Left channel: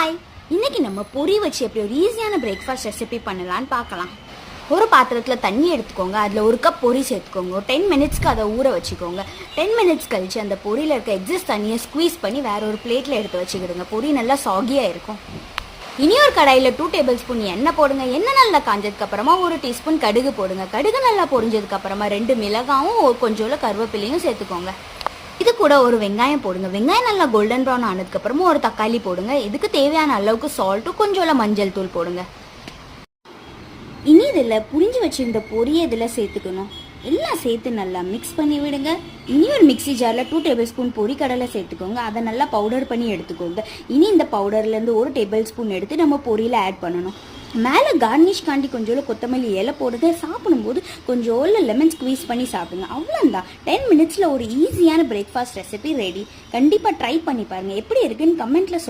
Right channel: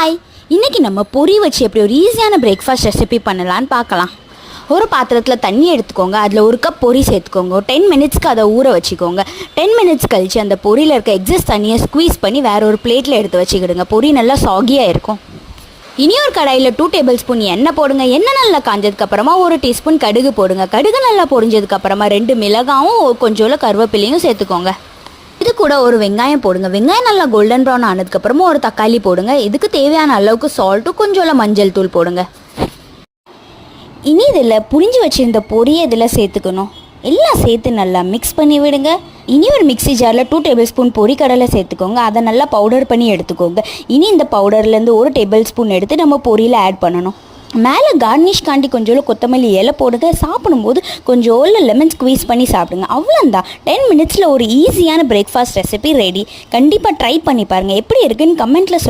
Hi, இன்றைக்கி நம்ம பொரி வச்சு எப்படி ஒரு ஈஸியான பிரேக்ஃபாஸ்ட் ரெசிபி பண்ணலான்னு பார்க்கலாம். ஒரு பாத்திரத்தில் தண்ணி எடுத்துக்கோங்க. அதில் ஒரு கப் பொரி சேர்த்துக்கோங்க. ஒரு 10 மினிட்ஸ்க்கு அதை ஊற வச்சுக்கோங்க. 10 மினிட்ஸ் கழித்து அந்த பொரியில் இருக்க எக்ஸஸ் தண்ணியை ஸ்குவீஸ் பண்ணி வேறு ஒரு பிளேட்டில் எடுத்து வச்சுக்கிடுங்க. பொரி நல்லா சாகியாக இருக்கும். இனி ஒரு கடாயில் 2 டேபிள் ஸ்பூன் எண்ணெய் போடுங்க. எண்ணெய் நல்லா காஞ்சதுக்கப்புறமா 1 டீஸ்பூன் கடுகு போடுங்க. கடுகு நல்லா பொரிஞ்சதுக்கப்புறமா 2 மிளகாவும் கொஞ்சோல கருவேப்பிலையும் சேர்த்துக்கோங்க. இது கூட ஒரு வெங்காயம் போடுங்க. வெங்காயம் நல்லா கோல்டன் ப்ரௌன் ஆனதுக்கப்புறமா ஒரு தக்காளி போடுங்க. இதுக்கு தேவையான அளவுக்கு சால்ட்டும் கொஞ்சோல மஞ்சள் தூள் போடுங்க. இனி இதில் புரிஞ்சு வச்சுருந்த பொரியை இதில் சேர்த்துக்கணும். எல்லாம் சேர்த்து நல்லா மிக்ஸ் பண்ணி விடுங்க. இனி ஒரு மிக்ஸி ஜாரில் 2 டேபிள் ஸ்பூன் பொரிக்கடலை சேர்த்துக்கோங்க. அதை நல்லா பவுடர் பண்ணி எடுத்துக்கோங்க. இனி இந்த பவுடர்லேருந்து 1 டேபிள் ஸ்பூன் எடுத்து நம்ம பொரியில் ஆட் பண்ணணும். மேலே கார்னிஷ்காண்டி கொஞ்சோல கொத்தமல்லி இலை போடுங்க. சாப்பிடும்போது கொஞ்சோல லெமன் ஸ்குவீஸ் பண்ணி சாப்பிடுங்க. அவ்வளோந்தான். 10 மினிட்ஸில் ஒரு ஈஸியான பிரேக்ஃபாஸ்ட் ரெசிபி ரெடி. கண்டிப்பாக ட்ரை பண்ணி பாருங்கள். எப்படி இருக்குன்னு கமெண்ட்டில் சொல்லுங்கள்.